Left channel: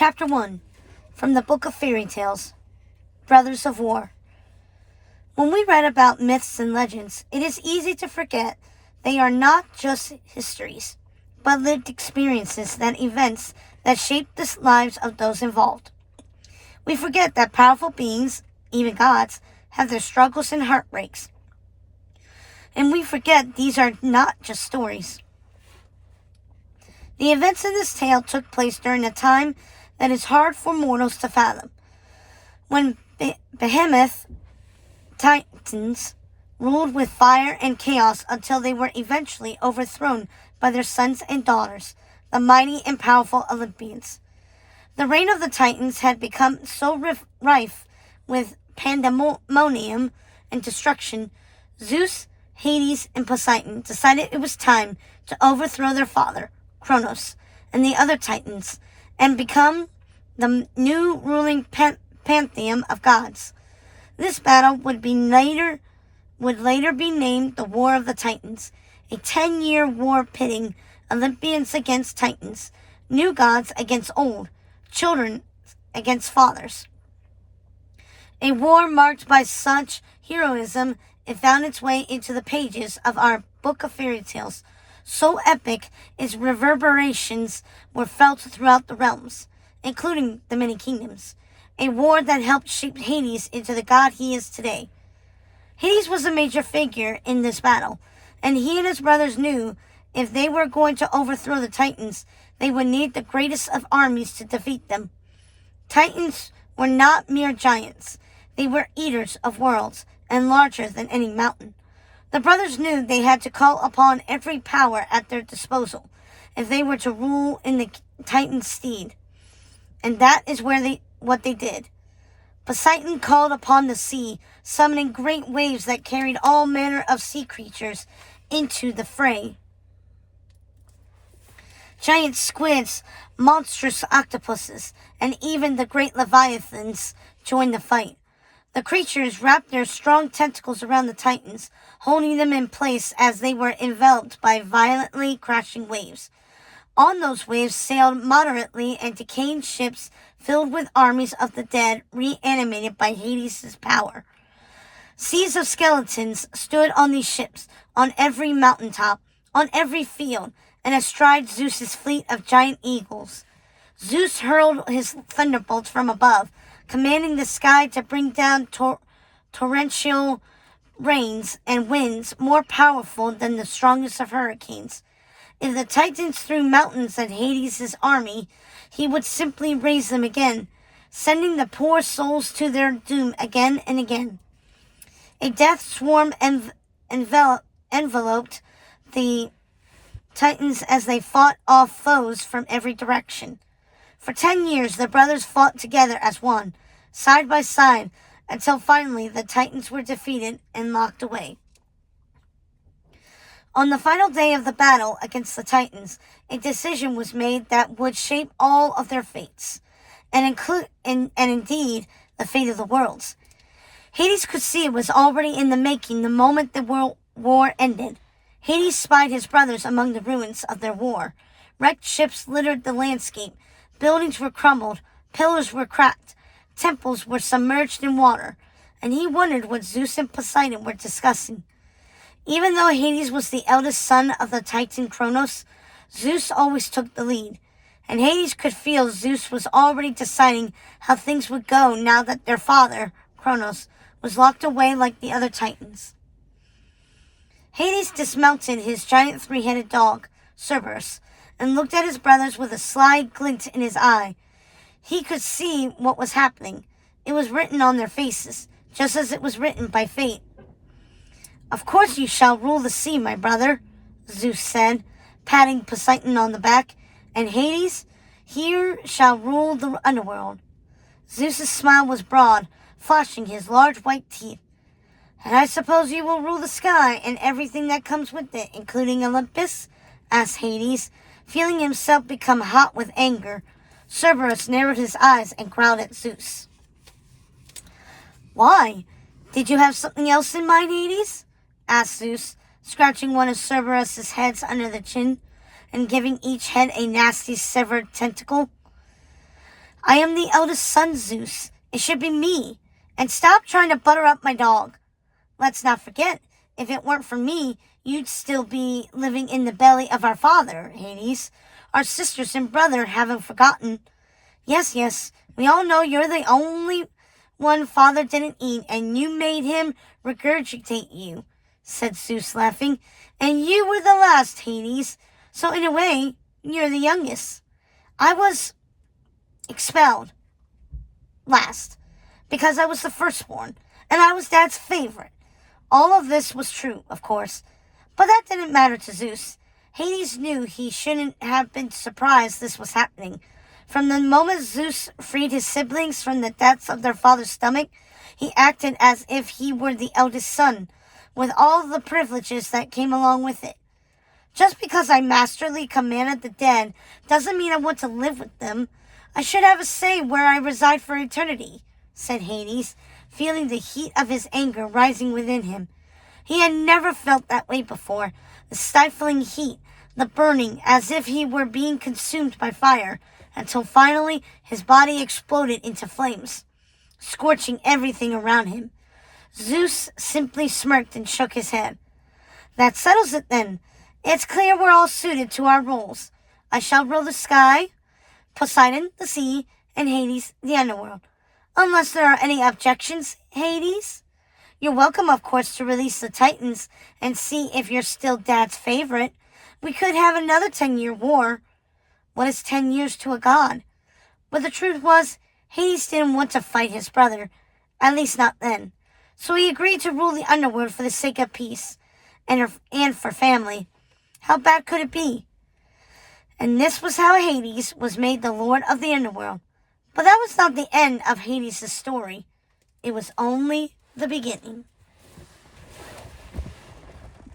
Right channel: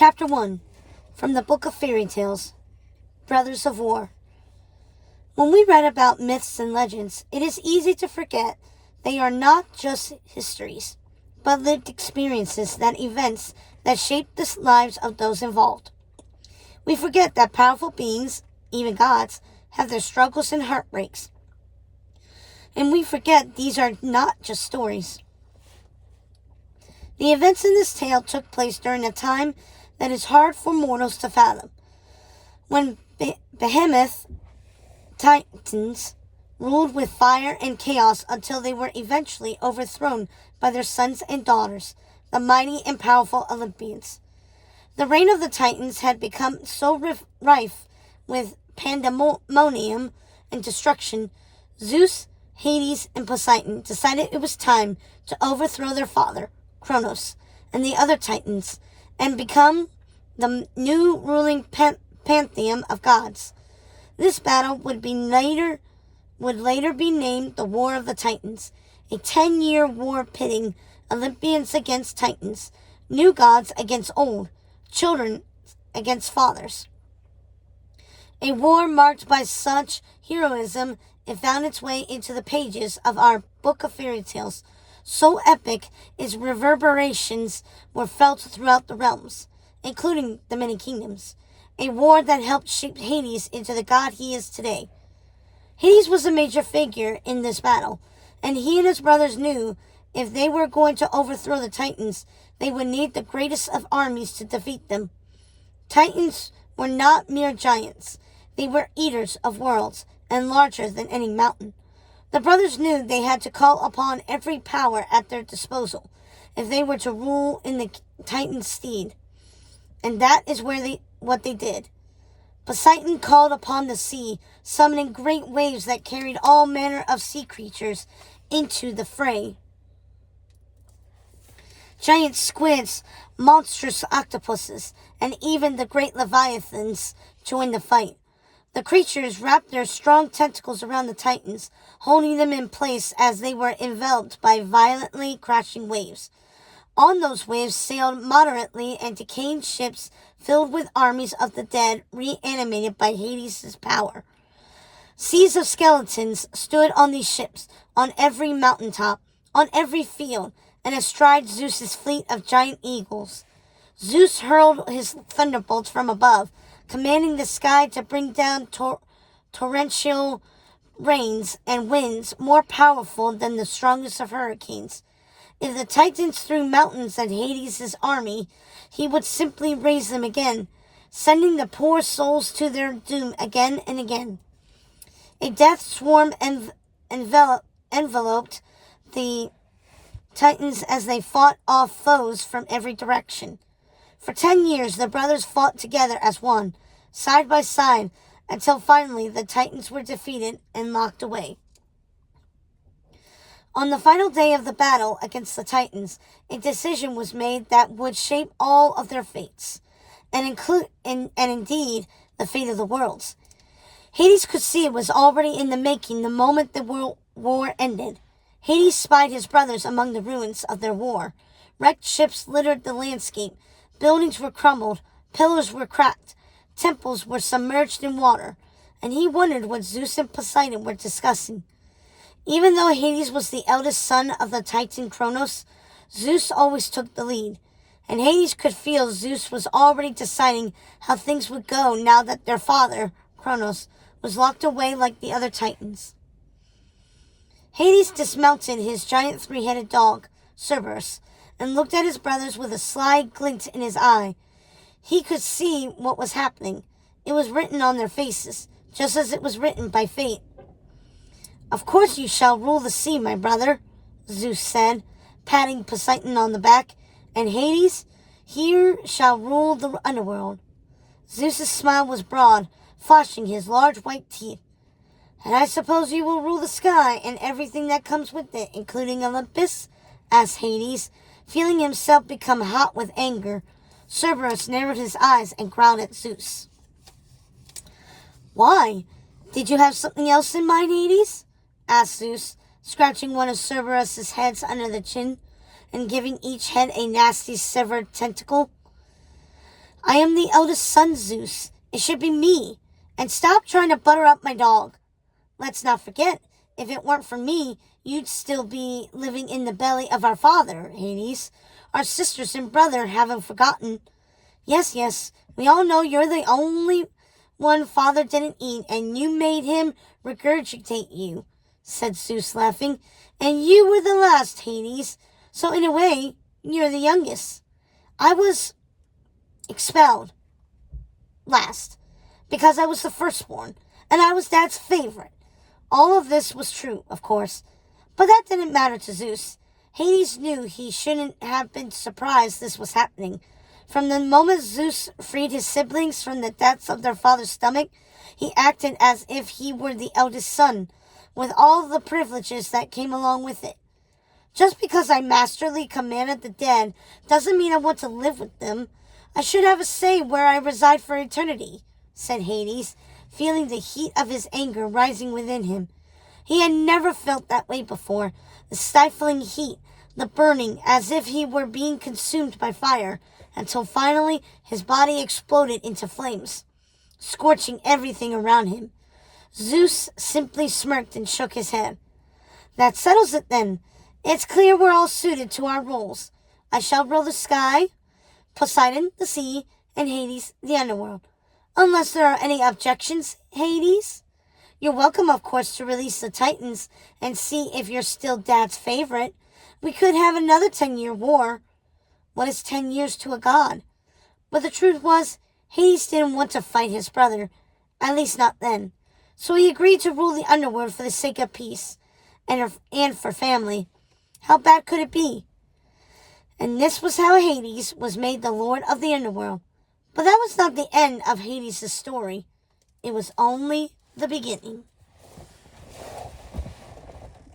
Chapter 1 from the Book of Fairy Tales, Brothers of War. When we read about myths and legends, it is easy to forget they are not just histories, but lived experiences events that shape the lives of those involved. We forget that powerful beings, even gods, have their struggles and heartbreaks. And we forget these are not just stories. The events in this tale took place during a time that is hard for mortals to fathom, when behemoth titans ruled with fire and chaos until they were eventually overthrown by their sons and daughters, the mighty and powerful Olympians. The reign of the Titans had become so rife with pandemonium and destruction, Zeus, Hades, and Poseidon decided it was time to overthrow their father, Kronos, and the other Titans, and become the new ruling pantheon of gods. This battle would later be named the War of the Titans, a 10-year war pitting Olympians against Titans, new gods against old, children against fathers. A war marked by such heroism it found its way into the pages of our Book of Fairy Tales, so epic its reverberations were felt throughout the realms, including the many kingdoms. A war that helped shape Hades into the god he is today. Hades was a major figure in this battle, and he and his brothers knew if they were going to overthrow the Titans, they would need the greatest of armies to defeat them. Titans were not mere giants. They were eaters of worlds, and larger than any mountain. The brothers knew they had to call upon every power at their disposal if they were to rule in the Titan's stead. And that is what they did. Poseidon called upon the sea, summoning great waves that carried all manner of sea creatures into the fray. Giant squids, monstrous octopuses, and even the great leviathans joined the fight. The creatures wrapped their strong tentacles around the Titans, holding them in place as they were enveloped by violently crashing waves. On those waves sailed moderately and decaying ships filled with armies of the dead reanimated by Hades' power. Seas of skeletons stood on these ships, on every mountaintop, on every field, and astride Zeus's fleet of giant eagles. Zeus hurled his thunderbolts from above, commanding the sky to bring down torrential rains and winds more powerful than the strongest of hurricanes. If the Titans threw mountains at Hades' army, he would simply raise them again, sending the poor souls to their doom again and again. A death swarm enveloped the Titans as they fought off foes from every direction. For 10 years, the brothers fought together as one, side by side, until finally the Titans were defeated and locked away. On the final day of the battle against the Titans, a decision was made that would shape all of their fates, and indeed the fate of the worlds. Hades could see it was already in the making the moment the world war ended. Hades spied his brothers among the ruins of their war. Wrecked ships littered the landscape. Buildings were crumbled. Pillars were cracked. Temples were submerged in water. And he wondered what Zeus and Poseidon were discussing. Even though Hades was the eldest son of the Titan Kronos, Zeus always took the lead. And Hades could feel Zeus was already deciding how things would go now that their father, Kronos, was locked away like the other Titans. Hades dismounted his giant three-headed dog, Cerberus, and looked at his brothers with a sly glint in his eye. He could see what was happening. It was written on their faces, just as it was written by fate. "Of course you shall rule the sea, my brother," Zeus said, patting Poseidon on the back, "and Hades, here shall rule the underworld." Zeus's smile was broad, flashing his large white teeth. "And I suppose you will rule the sky and everything that comes with it, including Olympus?" asked Hades, feeling himself become hot with anger. Cerberus narrowed his eyes and growled at Zeus. "Why? Did you have something else in mind, Hades?" asked Zeus, scratching one of Cerberus's heads under the chin and giving each head a nasty severed tentacle. I am the eldest son, Zeus. It should be me. And stop trying to butter up my dog. Let's not forget, if it weren't for me, you'd still be living in the belly of our father, Hades. Our sisters and brother haven't forgotten. Yes, we all know you're the only one father didn't eat, and you made him regurgitate you, said Zeus, laughing. And you were the last, Hades. So in a way, you're the youngest. I was expelled last because I was the firstborn, and I was Dad's favorite. All of this was true, of course, but that didn't matter to Zeus. Hades knew he shouldn't have been surprised this was happening. From the moment Zeus freed his siblings from the depths of their father's stomach, he acted as if he were the eldest son, with all the privileges that came along with it. Just because I masterly commanded the dead doesn't mean I want to live with them. I should have a say where I reside for eternity, said Hades, feeling the heat of his anger rising within him. He had never felt that way before, the stifling heat, the burning, as if he were being consumed by fire, until finally his body exploded into flames, scorching everything around him. Zeus simply smirked and shook his head. That settles it then. It's clear we're all suited to our roles. I shall rule the sky, Poseidon the sea, and Hades the underworld. Unless there are any objections, Hades? You're welcome, of course, to release the Titans and see if you're still Dad's favorite. We could have another 10-year war. What is 10 years to a god? But the truth was, Hades didn't want to fight his brother, at least not then. So he agreed to rule the underworld for the sake of peace and for family. How bad could it be? And this was how Hades was made the lord of the underworld. But that was not the end of Hades' story. It was only the beginning.